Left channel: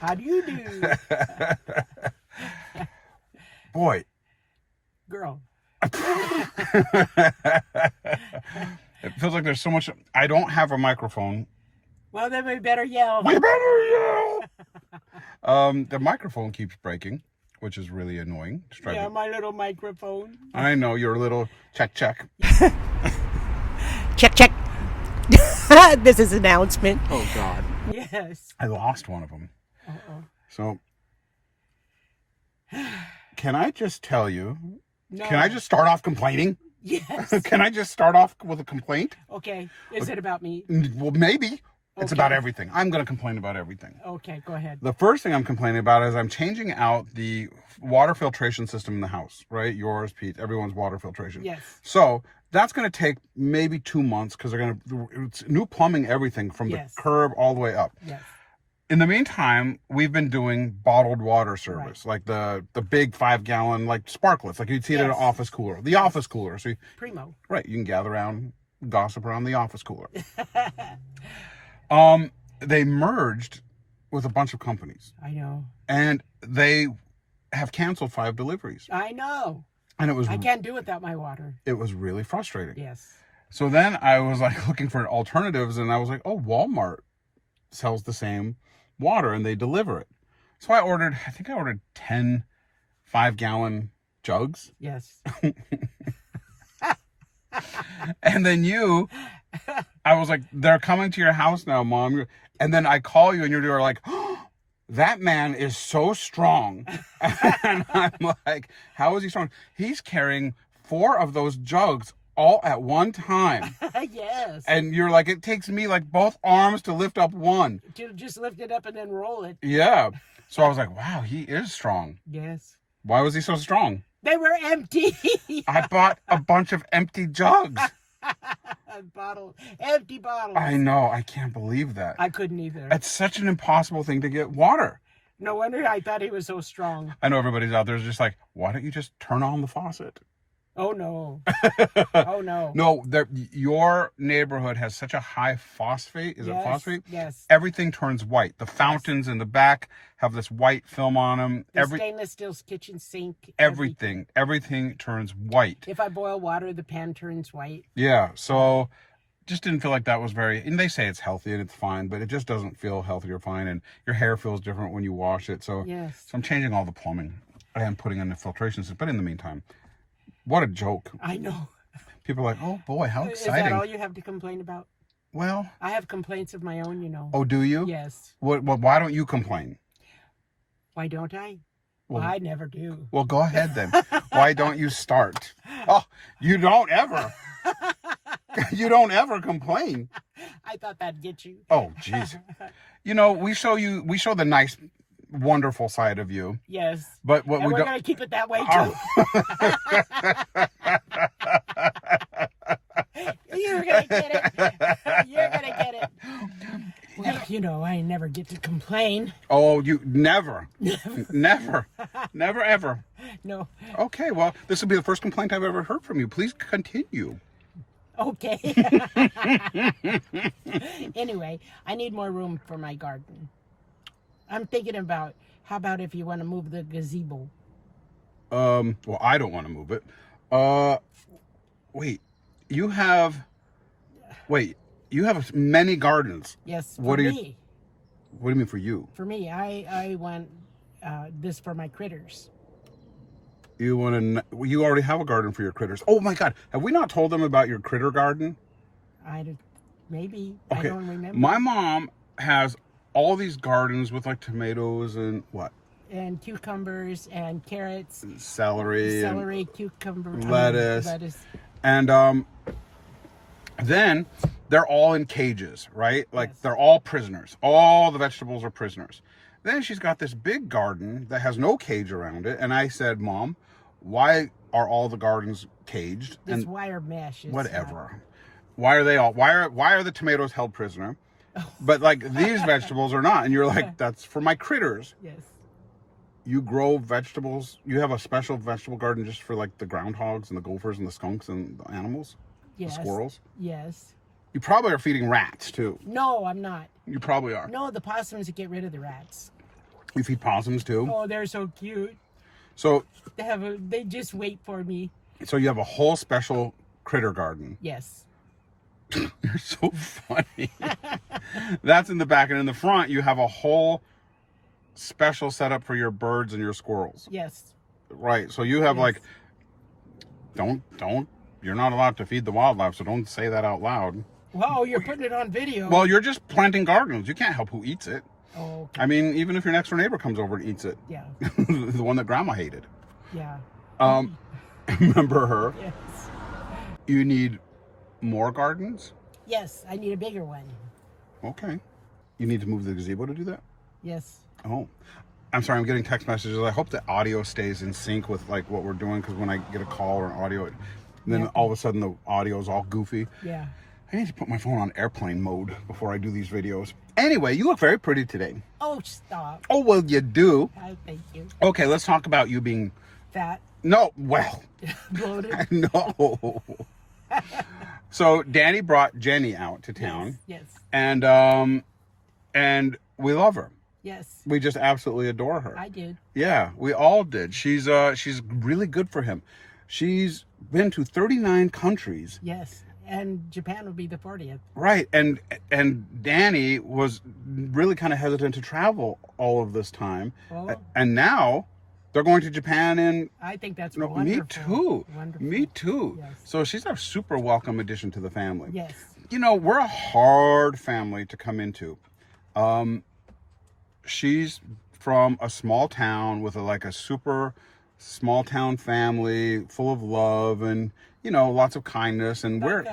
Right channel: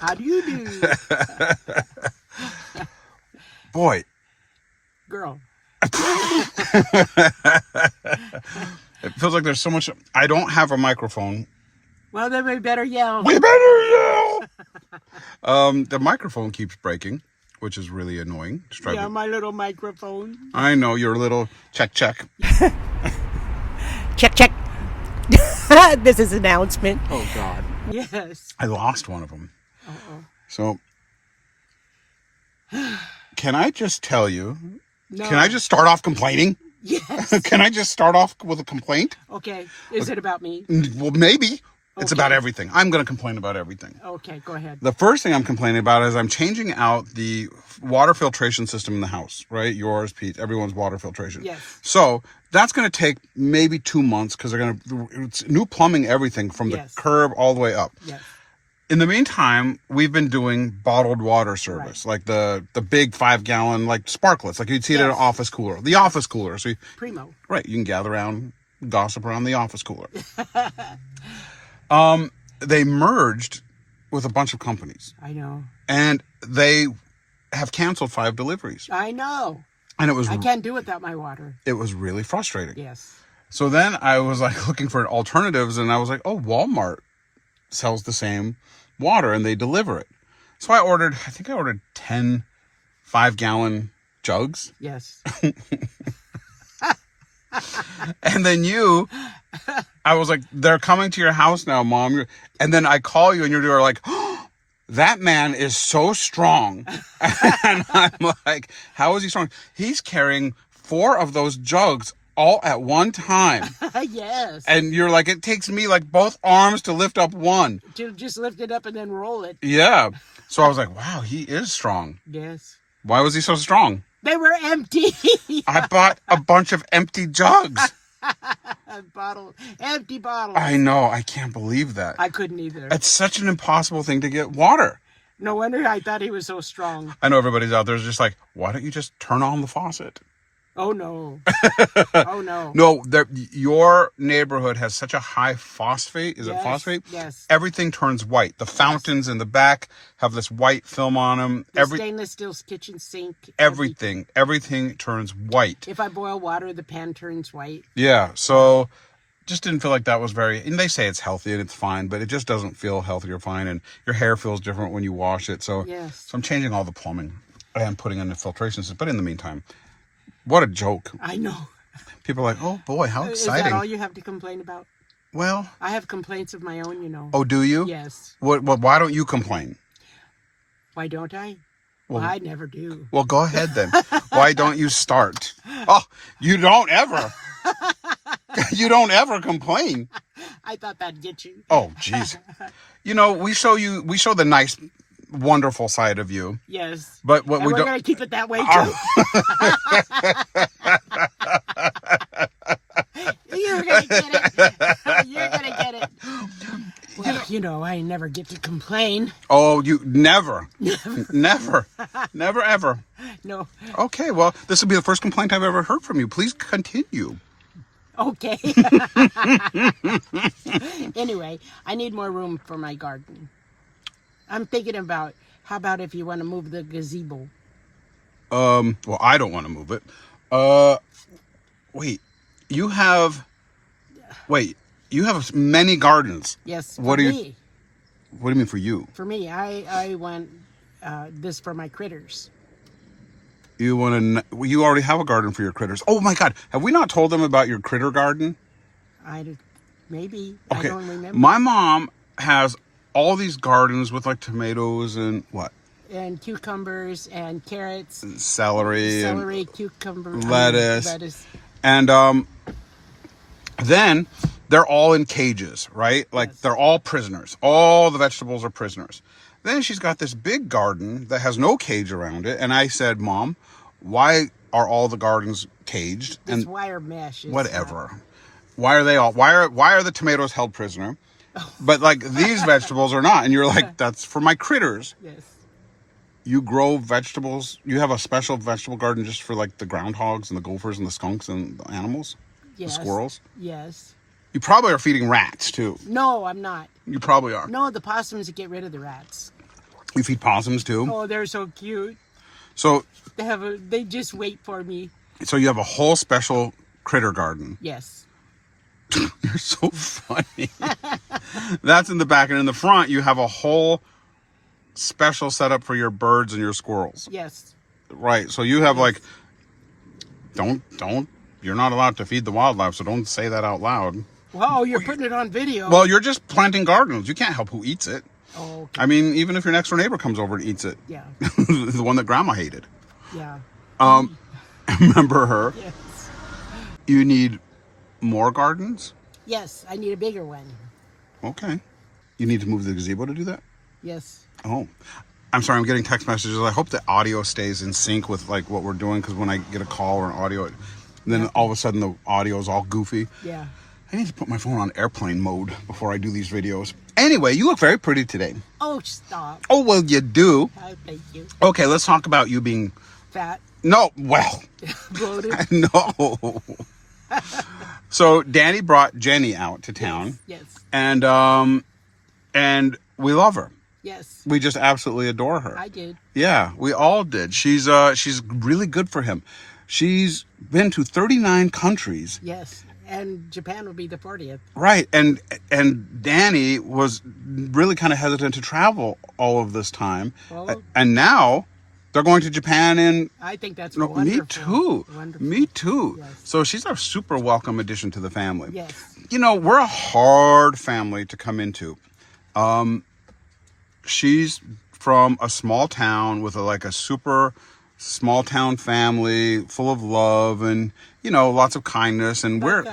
How do you do? Boy. Girl. It feels like there's so much. I don't have a microphone. Well, then we better yell. We better yell. The microphone keeps breaking, which is really annoying. Yeah, my little microphone. I know, your little check. Check. This is announcement. Oh, God. Yes. I lost one of them. Uh-oh. So, can I just tell you? No. Can I just start off complaining? Yes. Can I just start off with a complaint? Okay. Is it about me? Well, maybe. It's Okay. about everything. I'm going to complain about everything. Okay, go ahead. The first thing I'm complaining about is I'm changing out the water filtration system in the house, right? Yours, Pete, everyone's water filtration. Yes. So that's going to take maybe 2 months because it's new plumbing, everything from the curb all the way up. Yes. In the meantime, we've been doing bottled water service, like the big 5-gallon, like sparklets, like you'd see it at an office cooler. The office cooler. So Primo. Right. You can gather around, gossip around the office cooler. They merged with a bunch of companies. I know. And they have canceled 5 deliveries. I know. And I can't do without my water. It was really frustrating. Yes. So then I was like looking for alternatives, and I was like, oh, Walmart sells the same water and they deliver it. So I think I ordered 10 5-gallon jugs. Yes. And then I was like, they're coming to your house now, Mom. And then I call you and you're like, oh, that man is so strong. And I'm like, how is he strong? He's carrying 4 of those jugs all at one time. Yes. And you're like, it takes me like both arms to lift up one. To just lift it up and then roll it. Yeah. So I was like, wow, he is strong. Yes. Why was he so strong? They were empty. I bought a bunch of empty jugs. Empty bottles. I know. I can't believe that. I couldn't either. It's such an impossible thing to get water. No wonder I thought he was so strong. I know everybody's out there just like, why don't you just turn on the faucet? Oh, no. Oh, no. No, your neighborhood has such a high phosphate. Is it phosphate? Yes. Everything turns white. The fountains in the back have this white film on them. The stainless steel kitchen sink. Everything turns white. If I boil water, the pan turns white. Yeah, so just didn't feel like that was and they say it's healthy and it's fine, but it just doesn't feel healthy or fine, and your hair feels different when you wash it. So, yes. So I'm changing all the plumbing and putting in the filtration system. But in the meantime, what a joke. I know. People are like, oh boy, how exciting. Is that all you have to complain about? Well, I have complaints of my own, you know. Oh, do you? Yes. Why don't you complain? Why don't I? Well, I never do. Well, go ahead then. Why don't you start? Oh, you don't ever. You don't ever complain. I thought that'd get you. Oh, jeez. You know, we show the nice, wonderful side of you. Yes. But what and we we're don't. Gonna keep it that way too. You're gonna get it. You're gonna get it. Well, you know, I never get to complain. Oh, you never. Never ever. No. Okay, well, this will be the first complaint I've ever heard from you. Please continue. Okay. Anyway, I need more room for my garden. I'm thinking about, how about if you want to move the gazebo? Well, I don't want to move it. Wait, you have many gardens. Yes, What for do me. What do you mean for you? For me, I want this for my critters. You already have a garden for your critters. Oh my God, have we not told them about your critter garden? Maybe. Okay. I don't remember. My mom has all these gardens with like tomatoes and what? And cucumbers and carrots. And celery, cucumber, lettuce. And then they're all in cages, right? Like they're all prisoners. All the vegetables are prisoners. Then she's got this big garden that has no cage around it. And I said, Mom, why are all the gardens caged? It's wire mesh. Whatever. Why are they all? Why are the tomatoes held prisoner? But like these vegetables are not. And you're like, that's for my critters. Yes. You grow vegetables. You have a special vegetable garden just for like the groundhogs and the gophers and the skunks and the animals. Yes. The squirrels. Yes. You probably are feeding rats too. No, I'm not. You probably are. No, the possums get rid of the rats. We feed possums too. Oh, they're so cute. So They just wait for me. So you have a whole special critter garden. Yes. You're so funny. That's in the back, and in the front you have a whole special setup for your birds and your squirrels. Yes. Right. So you have like, don't. You're not allowed to feed the wildlife, so don't say that out loud. Wow, you're putting it on video. Well, you're just planting gardens. You can't help who eats it. Oh, okay. I mean, even if your next door neighbor comes over and eats it. Yeah. The one that Grandma hated. Yeah. Remember her? Yes. You need more gardens? Yes, I need a bigger one. Okay. You need to move the gazebo to do that? Yes. Oh. I'm sorry, I'm getting text messages. I hope the audio stays in sync with like what we're doing, because when I get a call or an audio, then all of a sudden the audio is all goofy. Yeah. I need to put my phone on airplane mode before I do these videos. Anyway, you look very pretty today. Oh, stop. Oh, well, you do. Oh, thank you. Okay, let's talk about you being... Fat. No, well... Bloated. No. So, Danny brought Jenny out to town. Yes. And we love her. Yes. We just absolutely adore her. I did. Yeah, we all did. She's really good for him. She's been to 39 countries. Yes. And Japan will be the 40th. Right. And Danny was really kind of hesitant to travel all of this time. Well, and now they're going to Japan in... I think that's No, wonderful. me too. Wonderful. Me too. Yes. So she's a super welcome addition to the family. Yes. You know, we're a hard family to come into. She's from a small town with a super small town family full of love and, you know, lots of kindness. And we're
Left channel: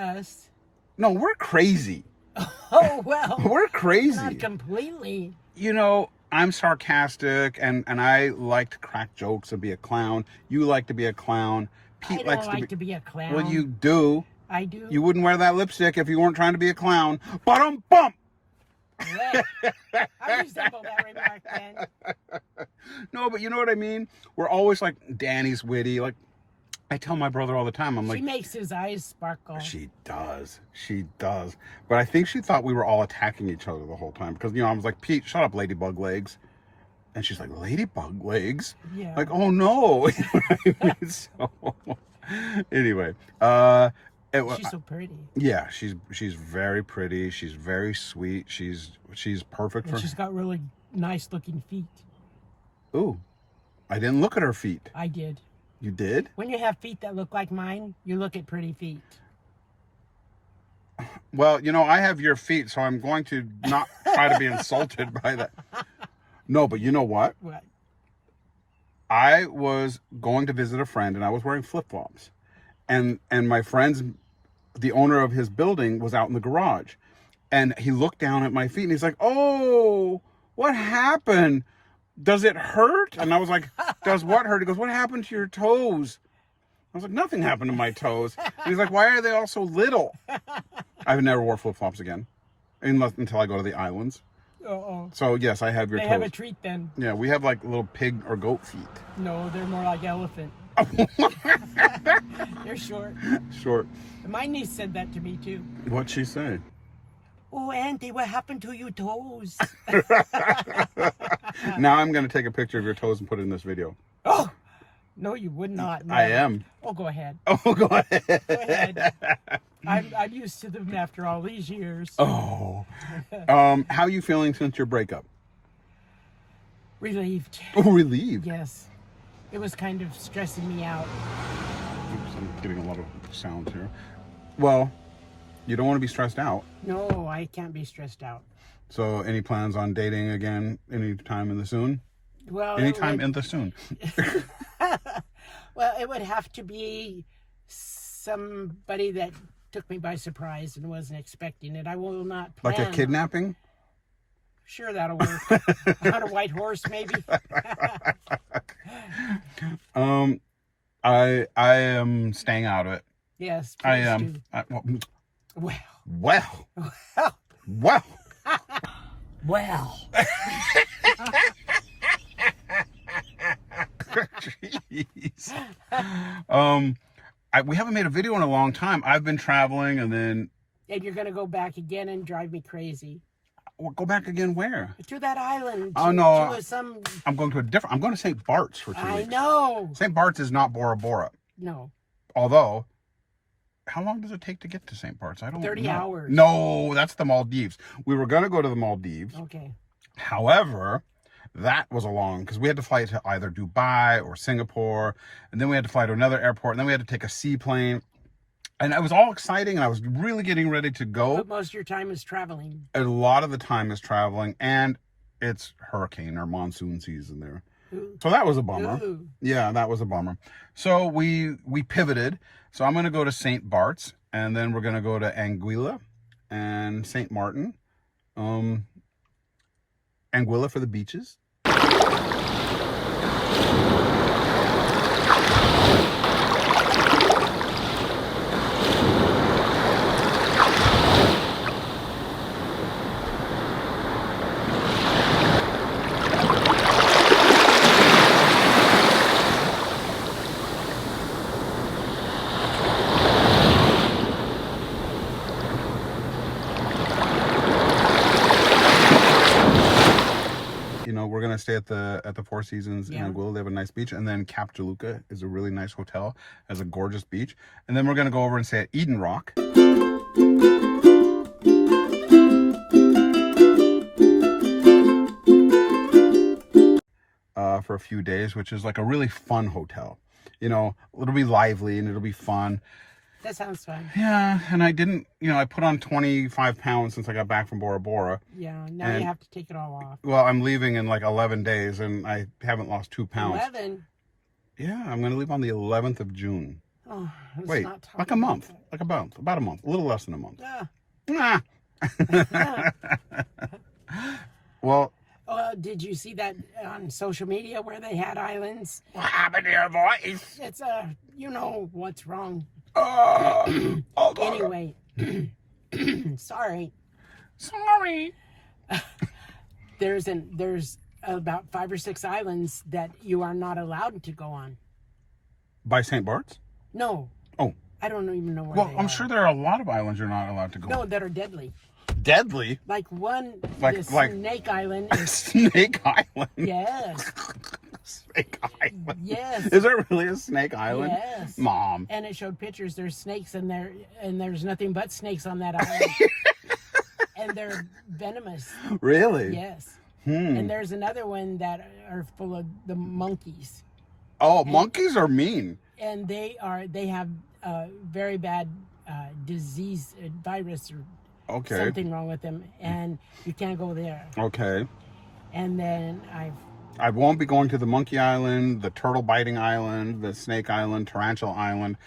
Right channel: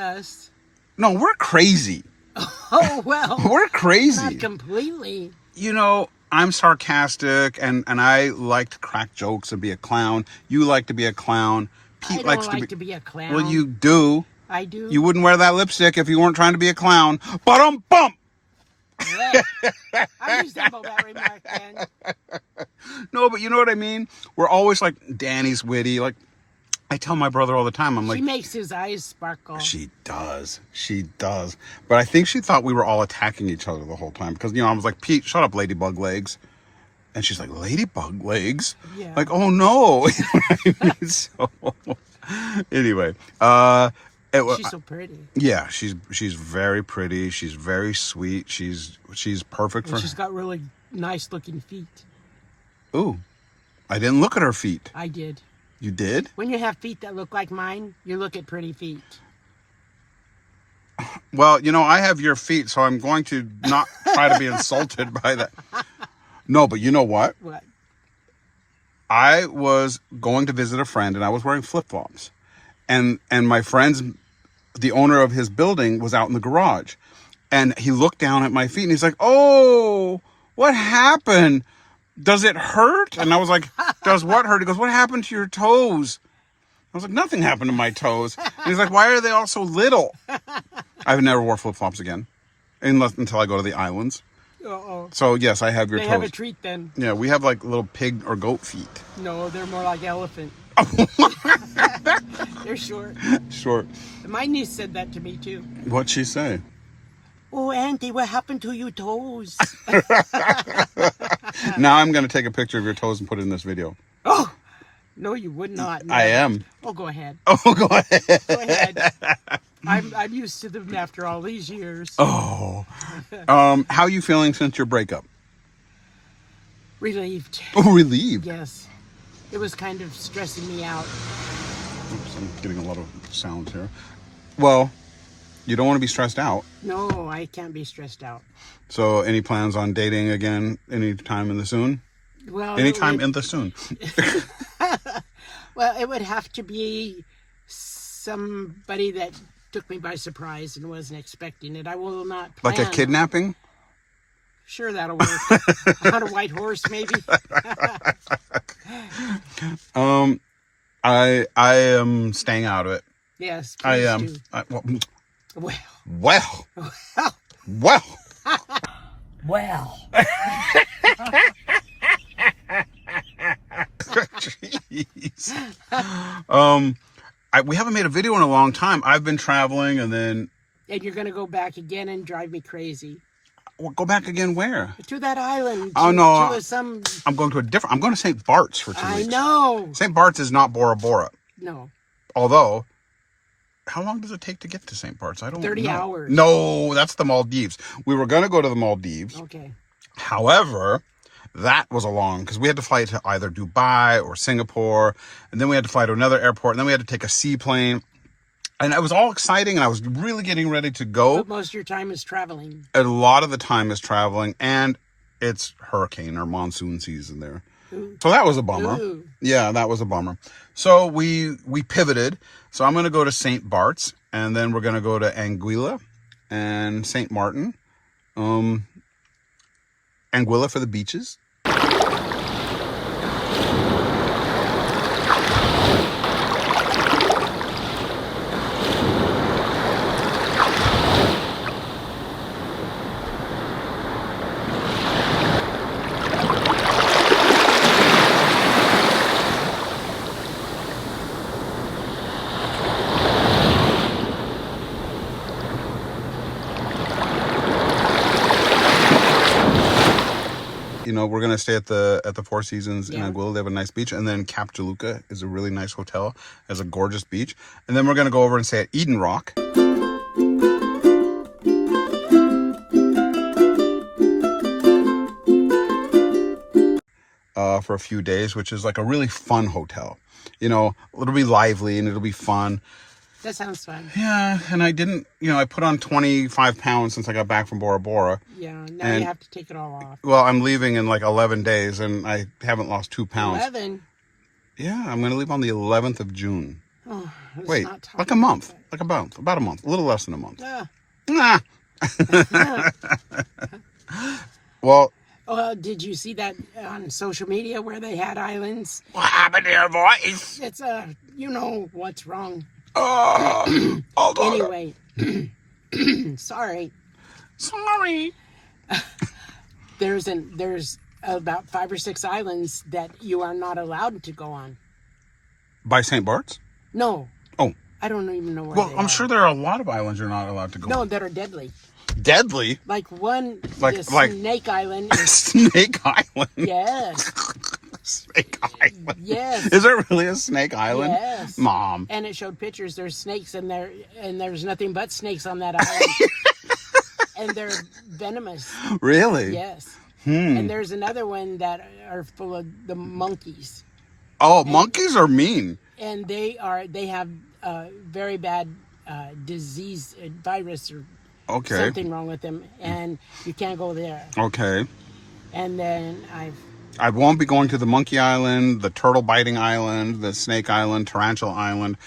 crazy. Oh, well. We're crazy. Not completely. You know, I'm sarcastic and I like to crack jokes and be a clown. You like to be a clown. Pete I likes don't like to be a clown. Well, you do. I do. You wouldn't wear that lipstick if you weren't trying to be a clown. Bump. Yeah. I resemble that remark then. No, but you know what I mean? We're always like, Danny's witty. Like, I tell my brother all the time, I'm like... She makes his eyes sparkle. She does. But I think she thought we were all attacking each other the whole time. Because, you know, I was like, Pete, shut up, ladybug legs. And she's like, ladybug legs? Yeah. Like, oh no. So, anyway, she's so pretty. Yeah, she's very pretty. She's very sweet. She's perfect for... She's got really nice looking feet. Ooh, I didn't look at her feet. I did. You did? When you have feet that look like mine, you look at pretty feet. Well, you know, I have your feet, so I'm going to not try to be insulted by that. No, but you know what? What? I was going to visit a friend, and I was wearing flip-flops. And my friend's, the owner of his building, was out in the garage. And he looked down at my feet, and he's like, oh, what happened? Does it hurt? And I was like, does what hurt? He goes, what happened to your toes? I was like, nothing happened to my toes. And he's like, why are they all so little? I've never wore flip-flops again, until I go to the islands. Uh-oh. So, yes, I have your They toes. have a treat then. Yeah, we have like little pig or goat feet. No, they're more like elephant. They're short. Short. My niece said that to me too. What'd she say? Oh, Auntie, what happened to your toes? Now I'm going to take a picture of your toes and put it in this video. Oh, no, you would not. No. I am. Oh, go ahead. Oh, go ahead. Go ahead. I'm used to them after all these years. Oh. How are you feeling since your breakup? Relieved. Oh, relieved. Yes. It was kind of stressing me out. Oops, I'm getting a lot of sounds here. Well, you don't want to be stressed out. No, I can't be stressed out. So, any plans on dating again anytime in the soon? Well, Anytime in the soon. Well, it would have to be somebody that took me by surprise and wasn't expecting it. I will not plan. Like a kidnapping? Sure, that'll work. On a white horse, maybe. I am staying out of it. Yes, I please am. do. Well. Well. Jeez. We haven't made a video in a long time. I've been traveling, and then... And you're going to go back again and drive me crazy. Well, go back again where? To that island. Oh, no. To some... I'm going to I'm going to St. Bart's for 2 weeks. I know. St. Bart's is not Bora Bora. No. Although, how long does it take to get to St. Bart's? I don't know. 30 hours. No, that's the Maldives. We were going to go to the Maldives. Okay. However, that was a long, because we had to fly to either Dubai or Singapore, and then we had to fly to another airport, and then we had to take a seaplane. And it was all exciting, and I was really getting ready to go. But most of your time is traveling. A lot of the time is traveling, and it's hurricane or monsoon season there. Ooh. So that was a bummer. Ooh. Yeah, that was a bummer. So we pivoted. So I'm going to go to St. Bart's, and then we're going to go to Anguilla and St. Martin. Anguilla for the beaches. We're gonna stay at the Four Seasons in Anguilla. They have a nice beach, and then Cap Juluca is a really nice hotel, has a gorgeous beach, and then we're gonna go over and stay at Eden Rock. For a few days, which is like a really fun hotel. It'll be lively and it'll be fun. That sounds fun. Yeah, and I didn't, I put on 25 pounds since I got back from Bora Bora. Yeah, now you have to take it all off. Well, I'm leaving in like 11 days, and I haven't lost 2 pounds. 11? Yeah, I'm going to leave on the 11th of June. Oh, wait, like a month. Like about a month. A little less than a month. Yeah. Well... did you see that on social media where they had islands? What happened to your voice? It's you know what's wrong. Anyway. Sorry. There's about 5 or 6 islands that you are not allowed to go on. By St. Bart's? No. Oh. I don't even know where Well, they I'm are. sure there are a lot of islands you're not allowed to go on. No, that are deadly. Deadly? Like one, like Snake Island. Snake Island? Yes. Snake Island? Yes. Is it really a snake island? Yes. Mom. And it showed pictures. There's snakes in there, and there's nothing but snakes on that island. And they're venomous. Really? Yes. And there's another one that are full of the monkeys. Oh, monkeys are mean. And they have very bad disease, virus, or something wrong with them, and you can't go there. Okay. And then I won't be going to the Monkey Island, the Turtle Biting Island, the Snake Island, Tarantula Island.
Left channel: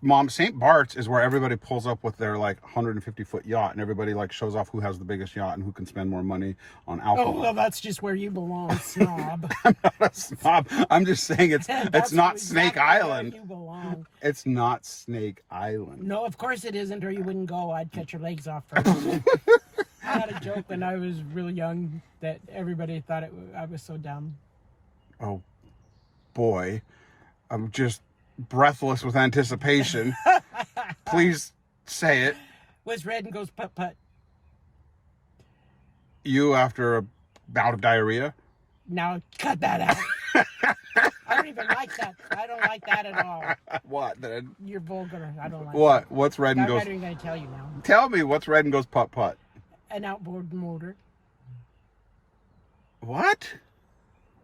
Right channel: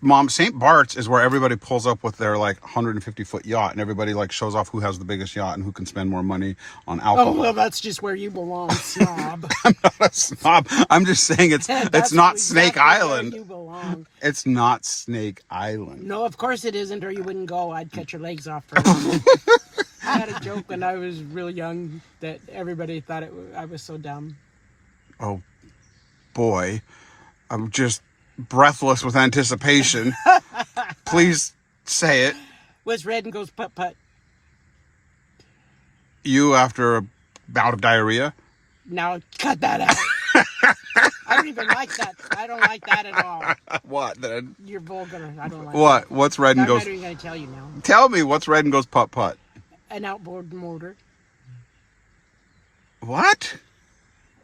Mom, St. Bart's is where everybody pulls up with their like 150-foot yacht, and everybody like shows off who has the biggest yacht and who can spend more money on alcohol. Oh, well, that's just where you belong, snob. I'm not a snob. I'm just saying it's not Snake Island. Where you belong. It's not Snake Island. No, of course it isn't, or you wouldn't go. I'd cut your legs off for it. I had a joke when I was real young that everybody thought I was so dumb. Oh, boy. I'm just breathless with anticipation. Please say it. What's red and goes putt-putt? You after a bout of diarrhea? Now, cut that out. I don't even like that. I don't like that at all. What then? You're vulgar. I don't like What? that. What's red and goes... I'm not even going to tell you now. Tell me what's red and goes putt-putt. An outboard motor. What?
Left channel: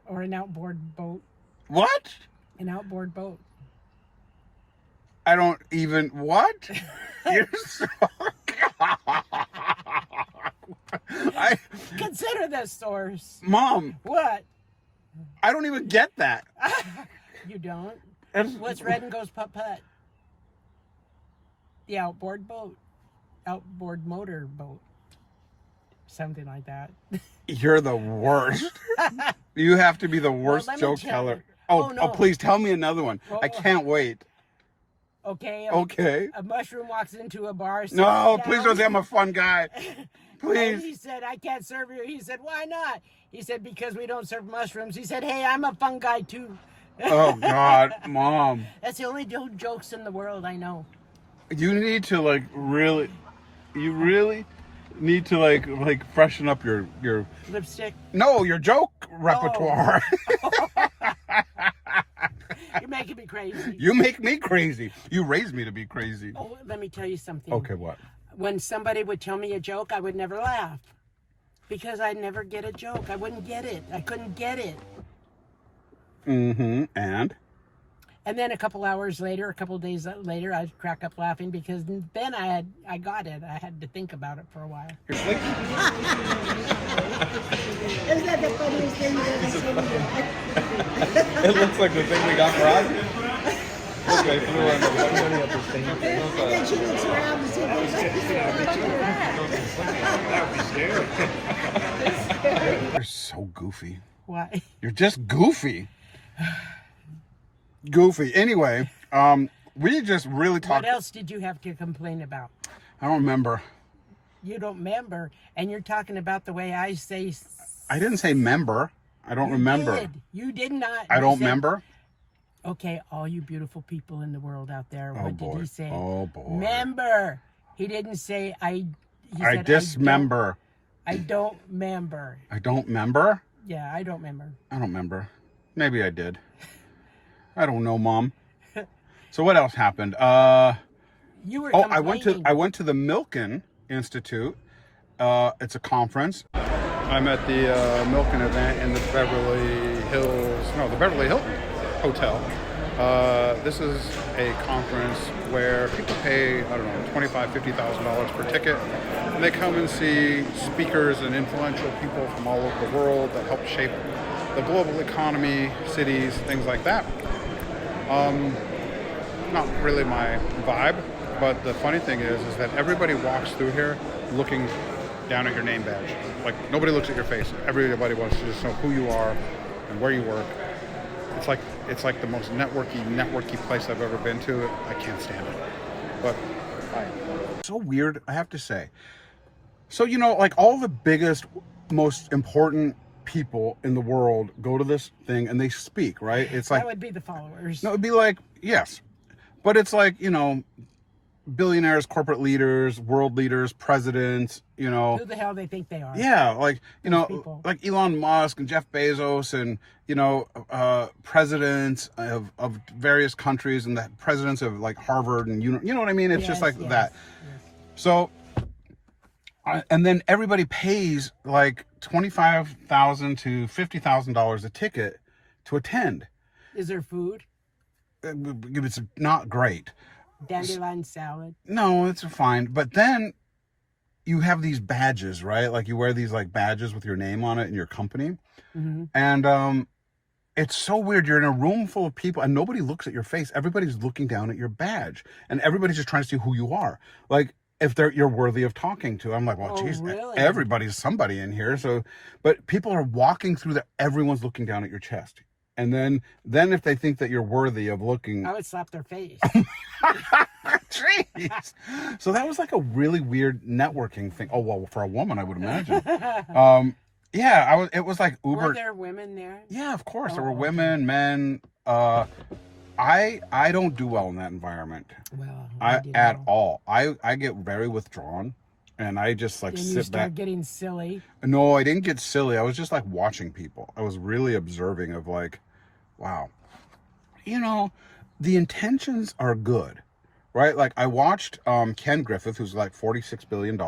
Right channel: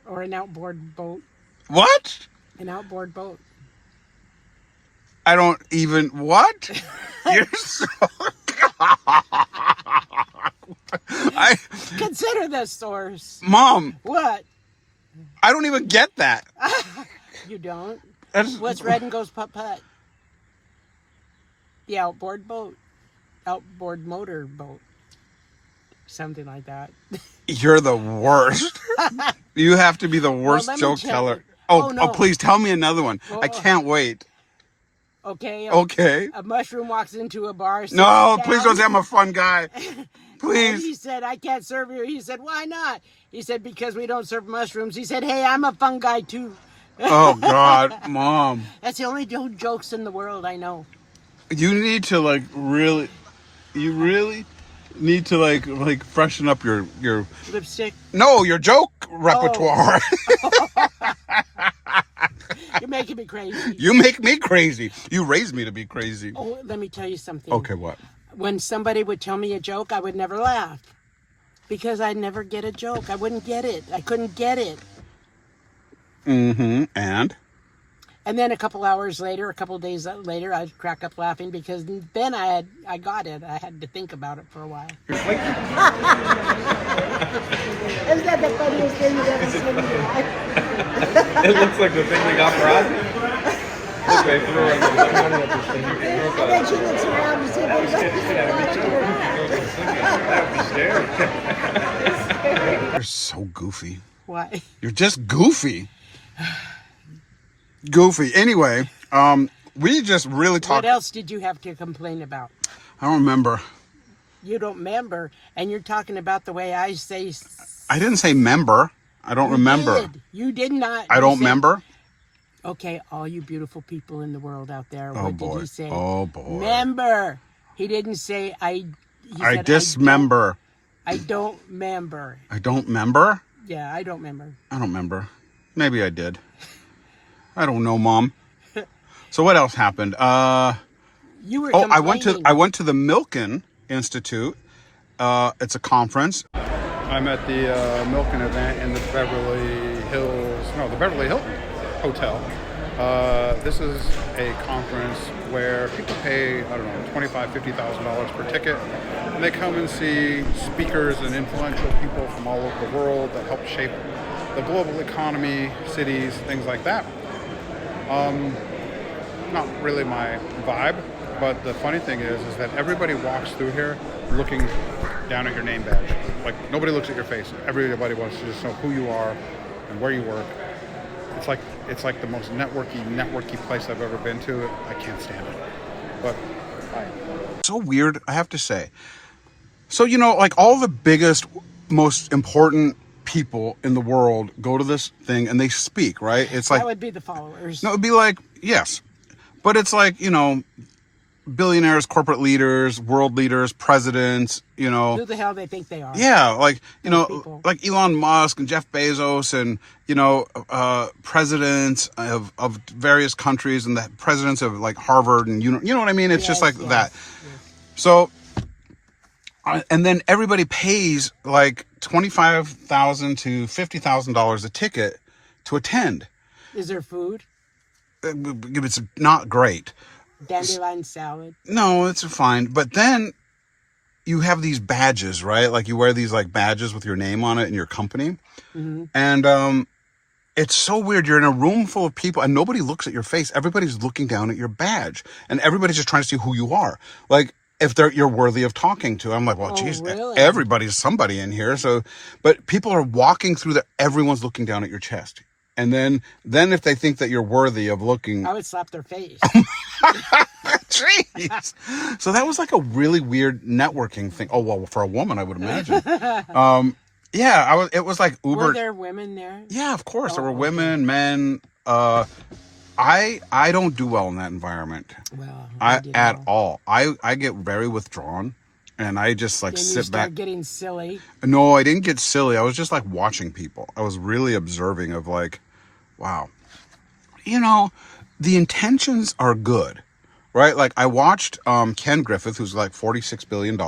Or an outboard boat. What? An outboard boat. I don't even... What? You're so... Consider the source. Mom. What? I don't even get that. You don't? That's... What's red and goes putt-putt? The outboard boat. Outboard motor boat. Something like that. You're the worst. You have to be the worst joke teller. Oh, no. Please tell me another one. I can't wait. Okay. A mushroom walks into a bar. No, please don't say I'm a fun guy. Please. And he said, I can't serve you. He said, why not? He said, because we don't serve mushrooms. He said, hey, I'm a fun guy too. Oh, God, Mom. That's the only jokes in the world I know. You need to, like, really... You really... need to like freshen up your lipstick. No, your joke repertoire. Oh. You're making me crazy. You make me crazy. You raised me to be crazy. Oh, let me tell you something. Okay, what? When somebody would tell me a joke, I would never laugh because I'd never get a joke. I wouldn't get it. I couldn't get it. And then a couple hours later, a couple days later, I'd crack up laughing because then I got it. I had to think about it for a while. Isn't that the funniest thing you've ever seen in your life? It looks like the thing we got for Ozzy. Look, they threw her in the money at this thing. And then she looks around to see if there's anything. you're so goofy. Why? You're just goofy. Goofy. Anyway, we just really talked. What else did you have to complain about? I don't remember. You don't remember, and you're talking about the way I say. I didn't say member. I don't remember. You did not. I don't remember. Okay, all you beautiful people in the world out there, Oh, what boy. did he say? Oh, boy. Member. He didn't say I. He I said, dismember. I don't member. I don't member? Yeah, I don't member. I don't remember. Maybe I did. I don't know, Mom. So what else happened? You were. I went to the Milken Institute. It's a conference. I'm at the Milken event in the Beverly Hilton Hotel. This is a conference where people pay, I don't know, $25,000, $50,000 per ticket, and they come and see speakers and influential people from all over the world that help shape the global economy, cities, things like that. Not really my vibe, but the funny thing is that everybody walks through here looking down at your name badge. Like, nobody looks at your face. Everybody wants to just know who you are and where you work. It's like the most networky place I've ever been to. I can't stand it. But so weird, I have to say. So, like all the biggest, most important people in the world go to this thing and they speak, right? It's like that would be the followers. No, it would be like, yes. But it's like, billionaires, corporate leaders, world leaders, presidents, Who the hell they think they are? Yeah, like, people. like Elon Musk and Jeff Bezos and, presidents of various countries and the presidents of like Harvard and, you know what I mean? It's just like that. Yes. So, and then everybody pays like $25,000 to $50,000 a ticket to attend. Is there food? It's not great. Dandelion salad. No, it's fine. But then you have these badges, right? Like you wear these like badges with your name on it and your company. Mm-hmm. And it's so weird. You're in a room full of people and nobody looks at your face. Everybody's looking down at your badge. And everybody's just trying to see who you are. Like if you're worthy of talking to. I'm like, well, geez, really? Everybody's somebody in here. So, but people are walking through everyone's looking down at your chest. And then if they think that you're worthy of looking, I would slap their face. Jeez. So that was like a really weird networking thing. Oh, well, for a woman, I would imagine. Yeah, it was like Uber. Were there women there? Yeah, of course. There were women, men. I don't do well in that environment. Well, at all. I get very withdrawn. And I just like sit back. Getting silly. No, I didn't get silly. I was just like watching people. I was really observing of like, wow, the intentions are good, right? Like I watched Ken Griffith, who's like $46 billion,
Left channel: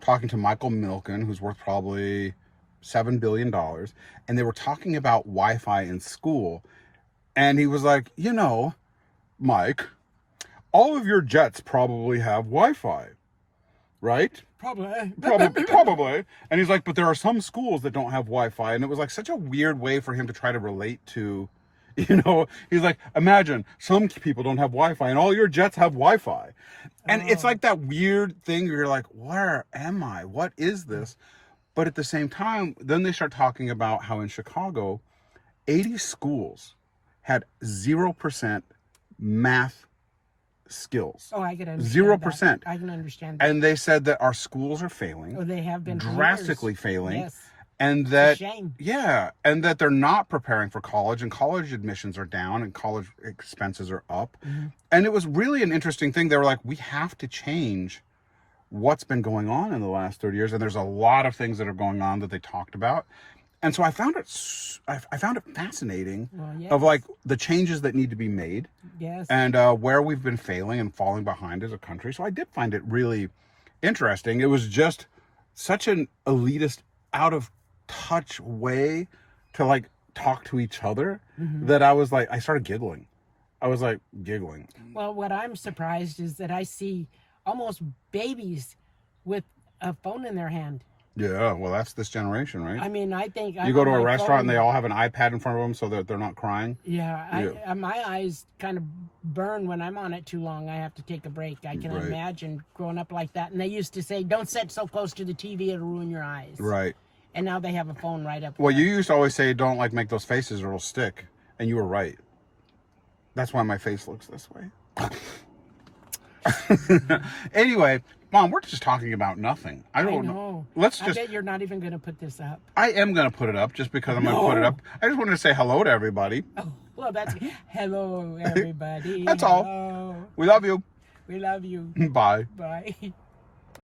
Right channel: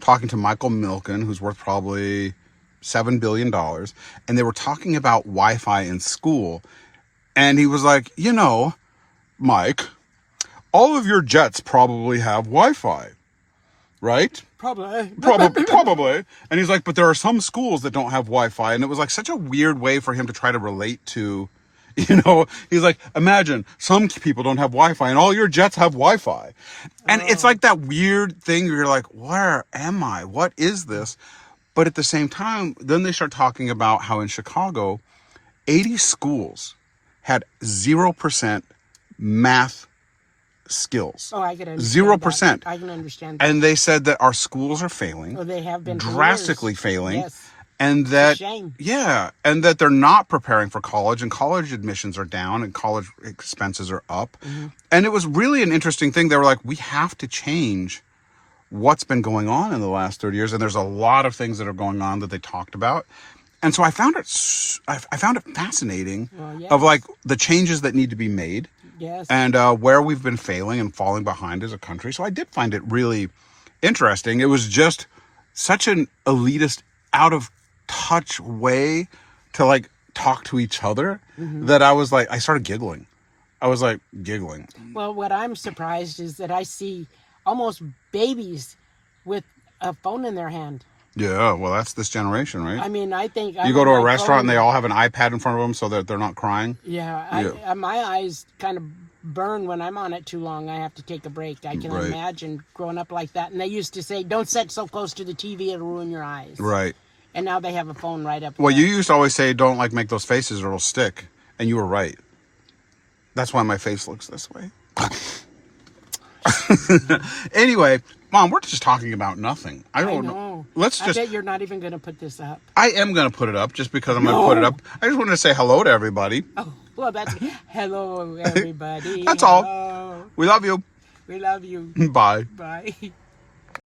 talking to Michael Milken, who's worth probably $7 billion. And they were talking about Wi-Fi in school. And he was like, Mike, all of your jets probably have Wi-Fi. Right? Probably. And he's like, but there are some schools that don't have Wi-Fi. And it was like such a weird way for him to try to relate to, he's like, imagine some people don't have Wi-Fi and all your jets have Wi-Fi. And it's like that weird thing. You're like, where am I? What is this? But at the same time, then they start talking about how in Chicago, 80 schools had 0% math skills. Oh, I can understand 0%. That. I can understand that. And they said that our schools are failing. Oh, they have been drastically failing. Yes. And that, it's a shame. Yeah, and that they're not preparing for college, and college admissions are down, and college expenses are up. Mm-hmm. And it was really an interesting thing. They were like, we have to change what's been going on in the last 30 years. And there's a lot of things that are going on that they talked about. And so I found it fascinating of like the changes that need to be made and where we've been failing and falling behind as a country. So I did find it really interesting. It was just such an elitist, out of touch way to like talk to each other that I was like, I started giggling. I was like giggling. Well, what I'm surprised is that I see almost babies with a phone in their hand. Yeah, well, that's this generation, right? I mean, I think you go to a restaurant and they all have an iPad in front of them so that they're not crying. Yeah, my eyes kind of burn when I'm on it too long. I have to take a break. I can imagine growing up like that. And they used to say, "Don't sit so close to the TV; it'll ruin your eyes." Right. And now they have a phone right up. Well, you used to always say, "Don't like make those faces or it'll stick," and you were right. That's why my face looks this way. Anyway, Mom, we're just talking about nothing. I don't know. I bet you're not even going to put this up. I am going to put it up just because I'm going to put it up. I just wanted to say hello to everybody. Oh, well, that's hello, everybody. That's hello. all. We love you. We love you. Bye. Bye.